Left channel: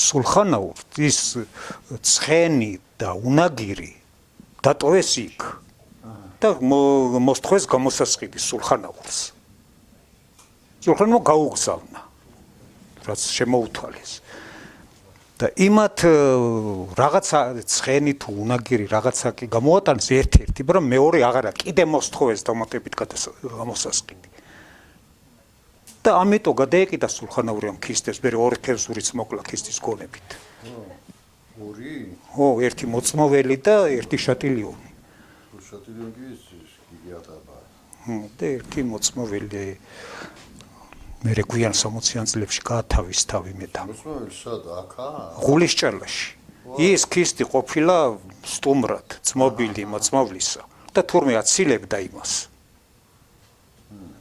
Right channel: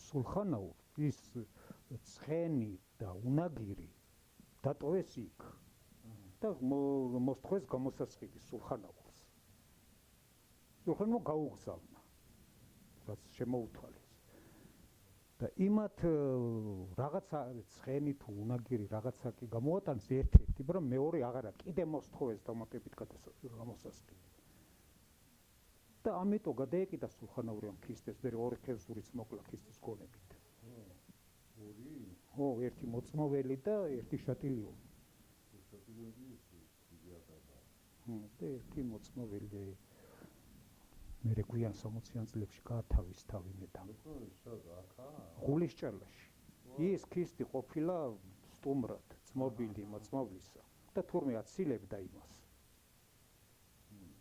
სულხანაურს ის ცხენი და უნაგირი დატოვეს იქ და მოსთხოვეს გამოსასყიდი სულხანაურს. სულხანმა გაუგზავნა, რაც შემოუთვალეს. და იმათ რაღაცა ცხენი თუ უნაგირი რაღაცა კი გამოატანეს ერთ-ერთი, მაგრამ მეორე აღარა კიდე მოსთხოვეს დამატებით გამოსასყიდი. და ამიტომ გადაეკიდა სულხანაური ამ ქისტეს, მე ორი ქევსურიც მოკლა ქისტის გონებით. ორი? ხო, ერთი მოწმოველი და ერთი შატილიონი. შატილიონი კი გიგი ატაბა. და ერთი მოწმოველი მე გვიან 60-იან წლებში გაათავის თავი მეტა. მოწმოველი სად აქა? ღულისჭალაში. ის ქისტი ყოფილა სტუმრად, ძმობილი მოწმოვლისა და თურმე აცილებდა იმას.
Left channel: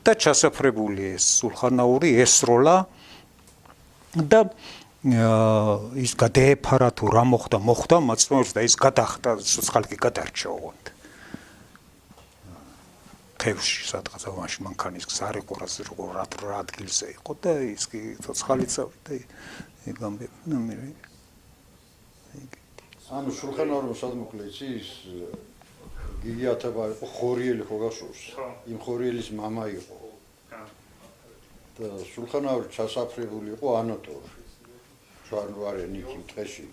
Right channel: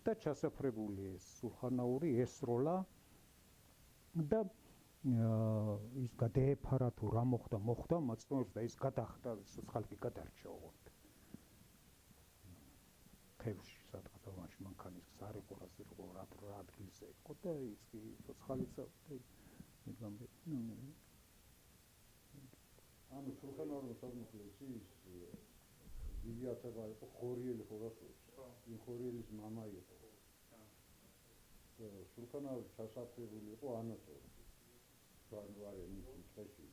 და ჩასაფრებული ეს სულხანაური ესროლა და ის გადაეფარა თუ რა მოხდა მოწმოვლს და ის გადახდა ცოცხალი გადარჩა ოღონდ. თევში სადღაც ამაში მანქანის გზარი ყურაზე როგორ რა ადგილზე იყო და ის კი ცოცხალი წავიდა გამბებნა მე. ანუ სულხანაურმა სად მოკლე ის გიგი ათაბა იყო ხორიელი ხო გასურს? იმ ხორიელის მამა იყო. და სულხანაური ჩასაფრებული იყო ანატორში. ჯვარნუარენ იქ ტყეში.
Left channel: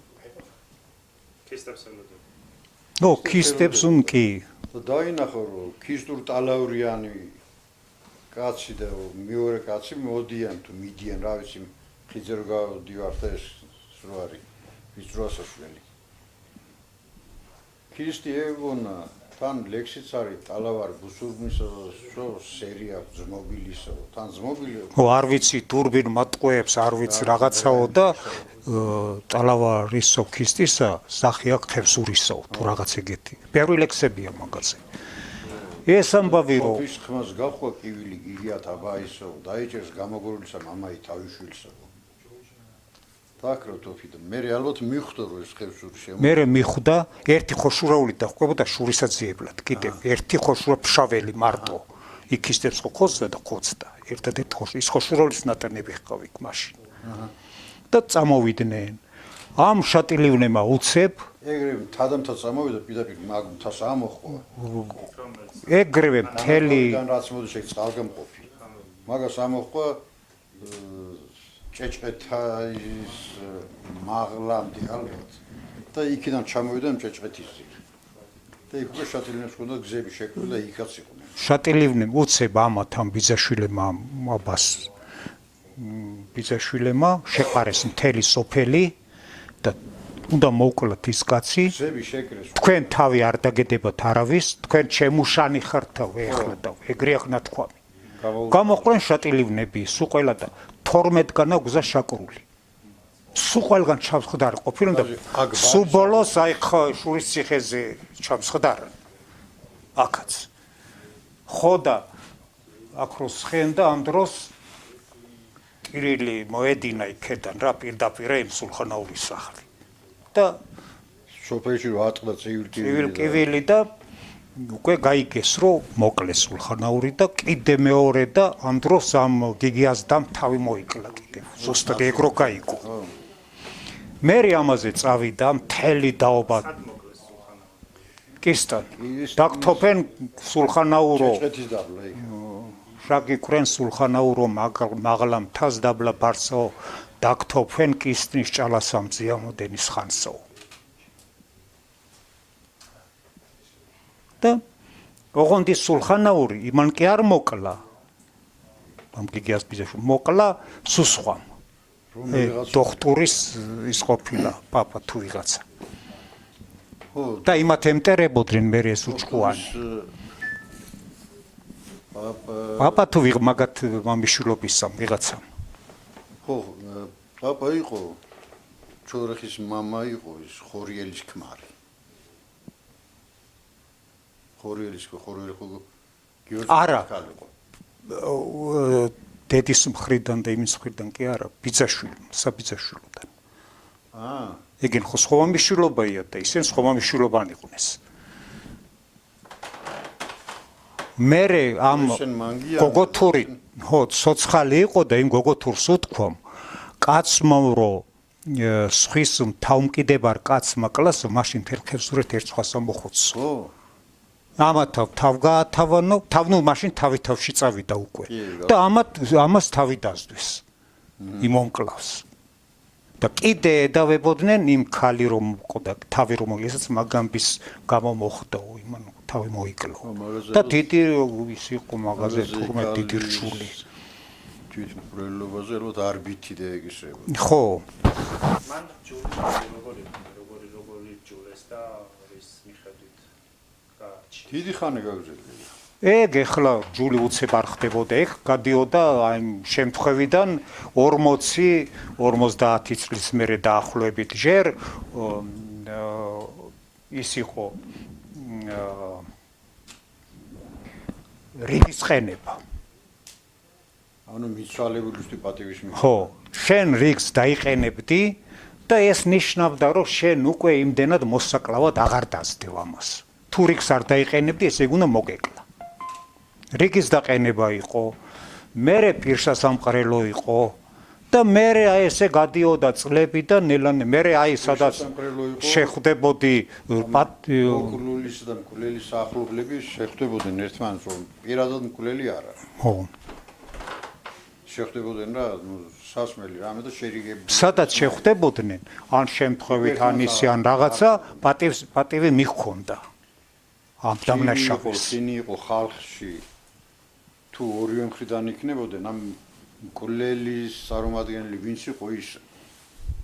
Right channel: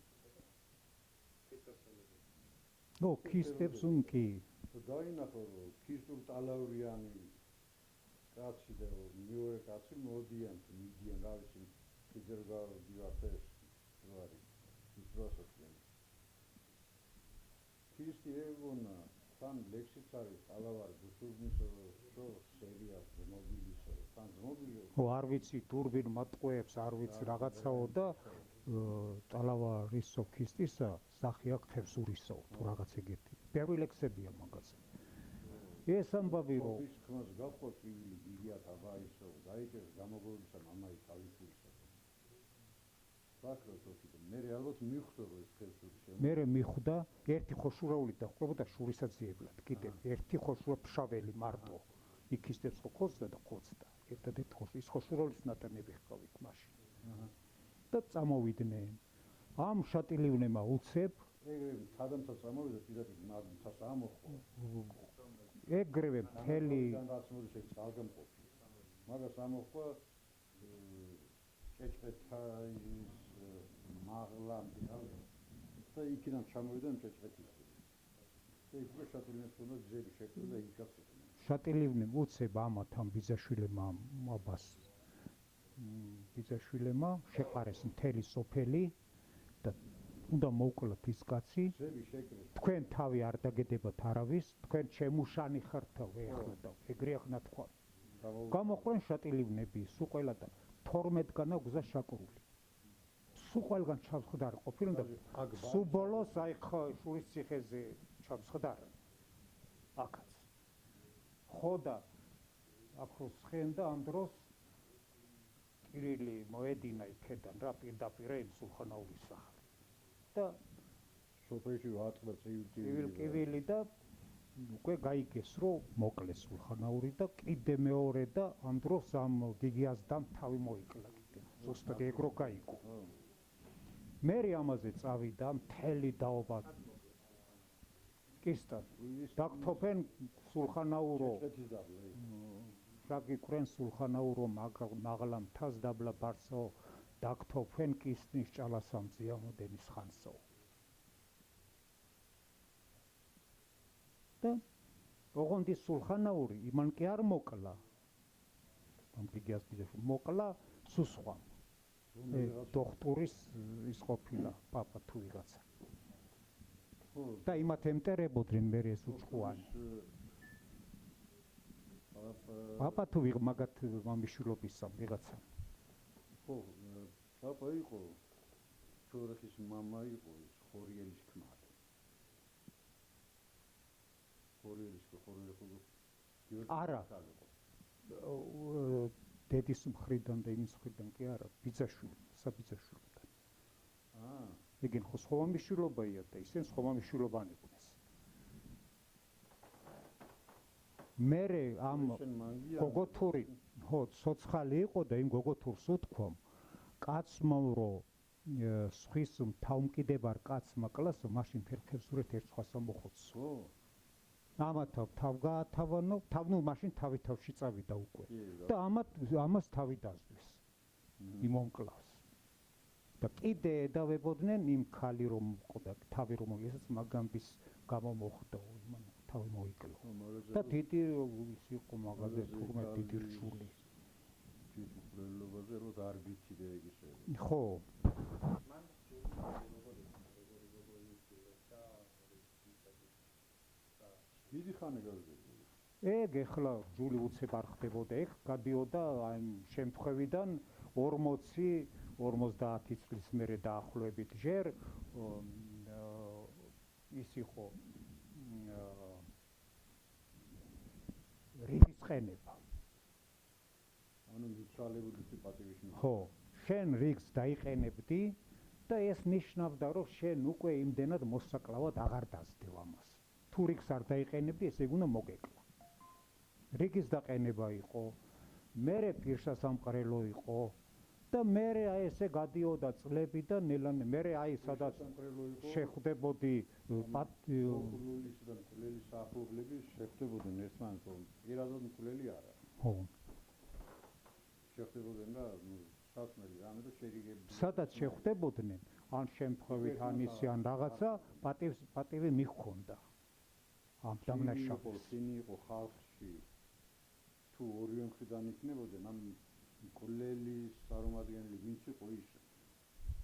ქისტებს კი. და დაინახო რომ ქისტურ ტალავრიანი კაცი და მეორე კაცი მოდიან თუ მიდიან რა ვიცი ხიძე რო გავდივართ ეს რო არის ის დროასაშველი. ქისტი ეგონა თან ლექსიც არის ტალავარ ბუსურმისა სერია ძმობილისა თან ძმობილი არ ვიცი დურბინ მატყუებს არ ვიცი რაღაცაო და ტალავარისო ქისტისა სახე აქვს ხევსურისო თუ რაღაც ეგეთი ბევრი ლექსებია მაგაზე ეს ამბავი რომ ის ხმას გახვდა კივილი გიგი ათაბაისო დაიჭერს გამოგორილისა მამაი თავიშვილსა დაკროტოფი და მე ალბათ მიხვდა რომ ეს ხევსური შემო მე მიხვდა ერთი ხოშურაული დახვდებოდა შურისაძიებლად კიდევ ერთი ხოშურა ფშაველი მარტო იქისტებს ხოცდა და ხოცდა ერთადერთ ის ხოშურაულის ნატანები ჰყავი მაშინ და წამოვიდნენ ამ შატილიონებმა უცებ ეგრევე თადამთა წამოვიდა პირდაპირ მაგ მთას ამოხვა ეგრევე მთელი რაც მოდი შეგ წყალგამყოფი მაგას ამოხვა ჭეჭყეთა ის მაღლამდე ალბათ და იქიდან ჩამოვიდა ჭეჭყეთის ძირ და იქ უკვე შატილიონებს ჰქონდა გზები შექმნილი და იქაც იყვნენ შატილიონები უცებ ამათ ამ ბიძაშვილებმა აბას ბიძაშვილებმა შეყარეს მთელი სოფელი და უნდა მოვკლათ ის კაცი გზები შეკრეს თქვენ თავი არ დაგედებათ არავის თქვენ ჩემუშანი ხართავ ეხლა და ეგრე ახლა თქვამი გამოყვნენ შატილიონები სულ ყველა და 12-განა გზა შაკრული. სულ ყველგან ჩამსხდარი ყოფილან და სულ ბოლოს აი შურის ციხეზე ჩამსხდარი. აქაც. ხო და აქ რო სხენ და ამ დროს კირილი მოედინა იქიდან რა პირდაპირ იმ სულხანაურის სახლი. და სოფელში რო ატყდა ცივილკივილი და უკვე გაიგეს რომ მოკლეს სულხანაური და კიდე მეორე და ამ დროს ამ გიგიაზდამ თავი მოიკლა კიდე ზუსტად ეგრო გაიგო მე ამაზე წავიდა მთელი დაობა კისტან დაგთოფენ სულხანაურო შაგიქრენ სულხანაურო მაღლა მთას დაბლა ბარსო დაგთოფენ კისტნის ჭალასამძია მოდენის ხანსო და ოღონდ ის სულხანაური იმან კი არ მოკლა ამ გიგიას ბიძაშვილ მოკლა სუსხვამ დოქტორის ის ყოფილა პაპა თუ ვიღაცა და იმათ ემტერებოდნენ მე ეს უჭყუანი პაპა თუ მაგათ მამიშვილობისა ვიღაცა ხო პაპა იყო ჩორეხის მამა იყო ის ხორიელის ქმარი არა დედის მხრიდან და იმის მხრიდან კი არა ბიძაშვილი საბიძაშვილოდან ეგენ ხო სხვა მამიშვილობაა და ისინი სხვა მამიშვილობანი იყვნენ მე ამ გოგოთური ხო ცოცხალი იყო და იმ გოგოთურს უთქვამ კაცმა რომ სხვის თავმკიდებარ კაცს მაკლას მაშინ თერხევსურეთ ერთხას მოხუცს. ხო. ამათ თავ გაათავანო, ნუ მაშინ თავი-თავში წავიდა უკვე. და ამას თავი დასდვის. იმ მომკლავს. და კიდე ედავებოდნენ იმ ქალი რომ ყოდა თავი რომ ესეც მაგამბის გამო მოხდა იმან თავი მოიკლო. და დიდი ის იყო მაღაზე თურმე დიდი რჩული. თვითმკვლელობაზე რომ არ ბითიდე ეგისება. ხო. მან როგორი ჯულეს და ის მიხედვით გააჩი. დიდი ხანი გაგზელია. ეგ ეხლა ჯული უცებ არ ხდებოდა, ეგ გადიოდა აი შემთხვევიდან 40-50 წლის მერე დაახლოებით. ჯერ ის იყო რიგის ხენება. ანუ მიცვალებულისთვის პატივის მიღება. ხო, შენ რიგს დაიყენებდი და ეს ნიშნავდა, რომ შენ უკვე იმდენად მოსაკლავად აღარ დასდევ ამას. თუ რიგს არ დაიყენებდი, ესე უნდა მოგეკლა. რიგის დაყენება იყო, მერე პირსასამყრელო იყო და მერე აი ესე გადიოდა წლები და ნელანე მერე აი სადაც შეხვდებოდი მკვლელის და მკვლელის ახლობლები შეხვდებოდნენ ერთმანეთს, რომ პირადად მკვლელი არ არის. ხო. შეხვდებოდნენ რა, სასმელი რამე და შერიგები. სადაც შეხვდებოდნენ, ან შემთხვევით ან ისი ან რაღაცა პატივი მიჰქონდა. ამ დამნაშავეს. ისინი იყო ხალხში თუ ორივე მხრიდან იქნებოდნენ, ამ მკვლელის წარმომადგენელი ვინც იყო ის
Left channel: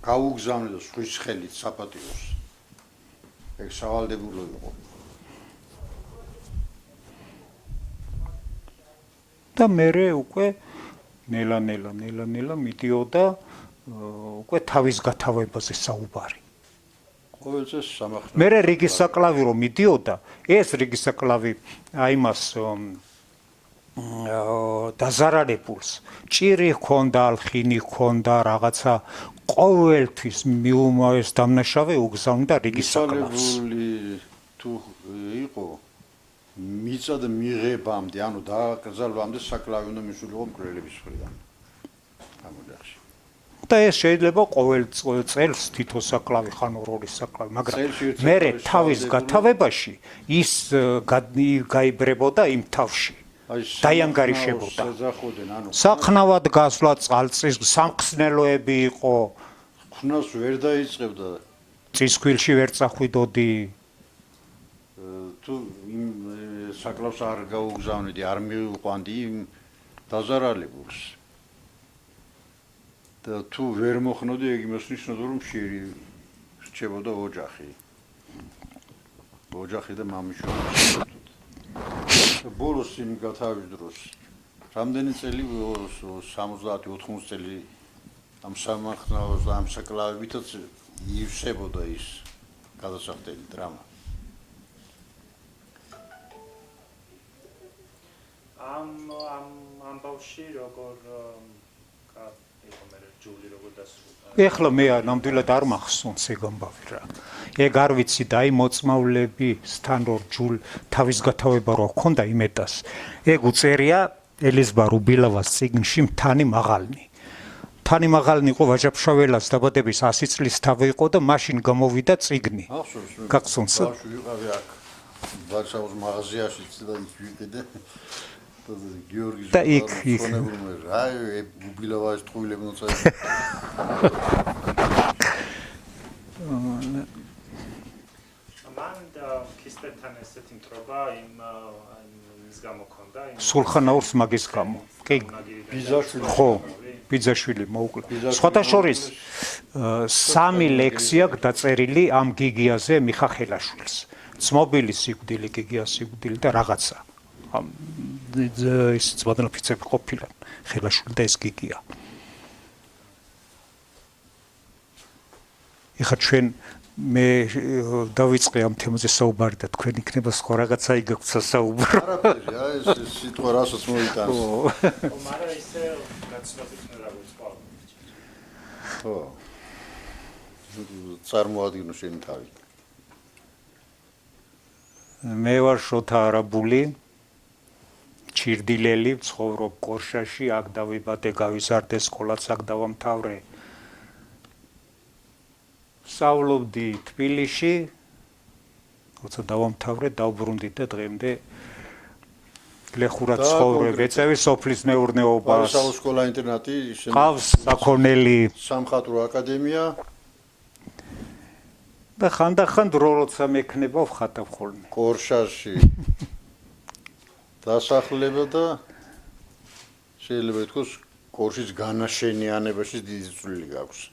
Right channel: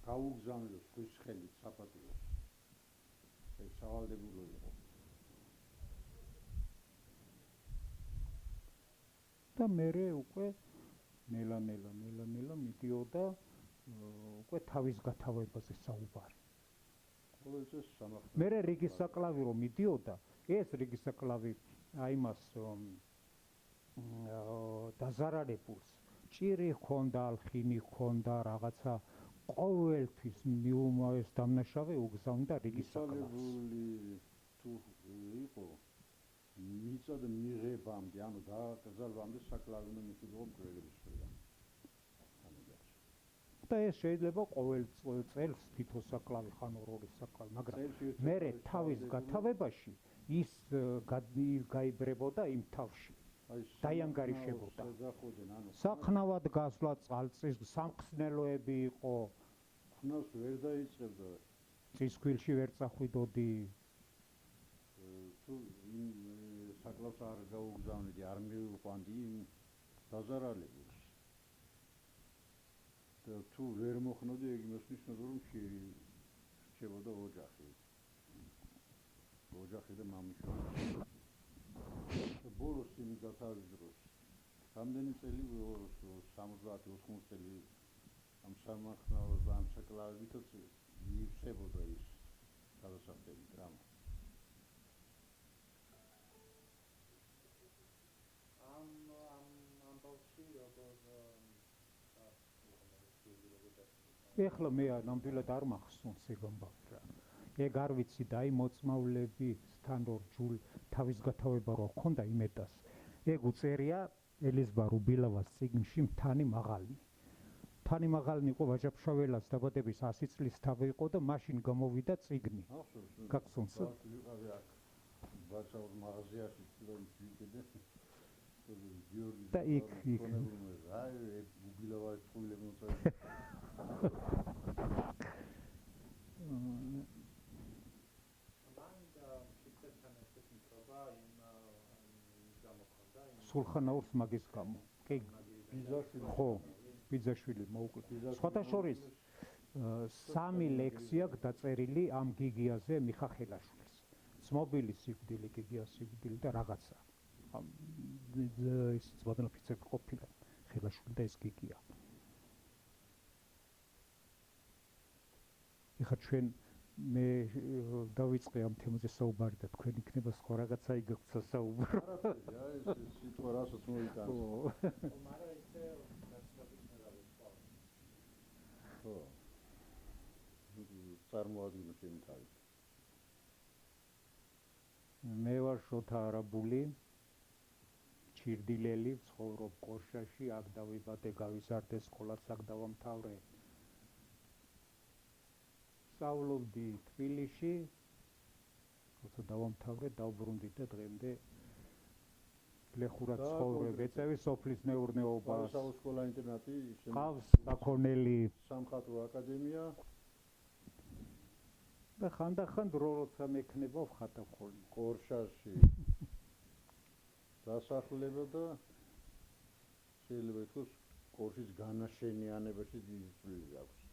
გაუგზავნიდა სხვის ხელით საპატიოს. ეგ სავალდებულო იყო. და მერე უკვე ნელა მიდიოდა უკვე თავის გათავებაზე საუბარი. ყოველ წელს სამართლე. მერე რიგის საკლავი რომ მიდიოდა, ეს რიგის საკლავი აიმას დაზარალებულს ჭირი ჰქონდა, ალხინი ჰქონდა, რაღაცა ყოველთვის მიუმოეს დამნაშავე უგზავნიდა რიგის საკლავს. მიცვალებული თუ იყო მიწა და მიღებამდე, ანუ დაკრძალვამდე საკლავი უნდა მისულიყო მკვლელების მხრიდან. გამოძახში. და ეს შეიძლება ყოველ წელს თითო საკლავი ხან ორი საკლავი, მაგრამ მერე თავის გათავებაში ის გაიბრებოდა იმ თავში. დაიანგარიშებოდა. საყნავად გასვლა წყალწის სამხსნელოები იყო. ხნავს ვერ დაიწყებდა. წისქვილში ვერ წახვიდოდი. თუ იმ საკლავს არ გაუგზავნიდი, არ მივიყვანდი იმ დაზარალებულს. და თუ ვერ მოხნოდი, ეგ იმას ნიშნავდა, რომ რჩებოდა ოჯახი. ოჯახი და მამიშვილი. ბოლოს იმ გათავის დროს რამდენი წელი 70-80 წელი ამ სამართლოს და ამ საკლავებითაც ივსებოდა ის გადასახდელი დრამა. ამ ბავში როგორ იყო მე ჯული როგორ დასრულდა. ეხლა მე ნამდვილად არ მახსოვს ეგ ამბავი რა. ეგ არ ვიცი და აი მოწმავლებისთან რო ჯულ თავის გათავება რო ჰქონდა იმეტას. ეგ უწერია ელიზბარ უბილავას წიგნში მთანი მაღალნი. მთანი მაღალნი იყო ვაჟა-ფშაველას დაბადების 100 წლის თავი იყო და მაშინ გამოვიდა წიგნი. გახსოვს? ბავშვი ვიყავი აქ ვარშავის მაღაზიაში და იქ ვიყიდე. გიორგი და იქ აი უბილავას ტყუილები მოწა. ქისტეთთან ესეთი მტრობა იმის გამო ქონდა სულხანაურს მაგის გამო. კი. ბიზაშვილი. ხო, ბიზაშვილი მოუკლე. სხვათა შორის 3 ლექსია დაწერილი ამ გიგიაზე მიხახელაშვილს. ცმობილი სიკვდილი, გიგია სიკვდილი და რაღაცა. ის ძმადნაფიცები ყოფილან ხელაშვილი და ეს გიგია. ეხლა ჩვენ მე დავიწყე ამ თემაზე საუბარი და თქვენ იქნება სხვა რაღაცა იგაქვთ სასაუბრო. არაფერი, აი ეს სიტყვა რასაც მოიტანს. მაგრამ ისე გაცნობით უნდა გავიწყო. ხო. წარმოადგინო შენი თავი. მე ვარ შოთა არაბული. ჩირდილელი, ცხოვრობ კორშაში, აქ დავიბადე, გავიზარდე, სკოლაც აქ დავამთავრე. სწავლობდი თბილისში, როცა დავამთავრე, დავბრუნდი და დღემდე ლეხურად ცხოვრობ, ეწევი სოფლის მეურნეობას. ბარისაუს სკოლა-ინტერნატი, ყავს საქონელი სამხატვრო აკადემია. და ხანდახან დრო როცა მექნება ვხატავ ხოლმე. კორშაში დასახლება და შეიძლება ითქვას კორშის განაშენიანებაში დიდი წვლილი გაქვს.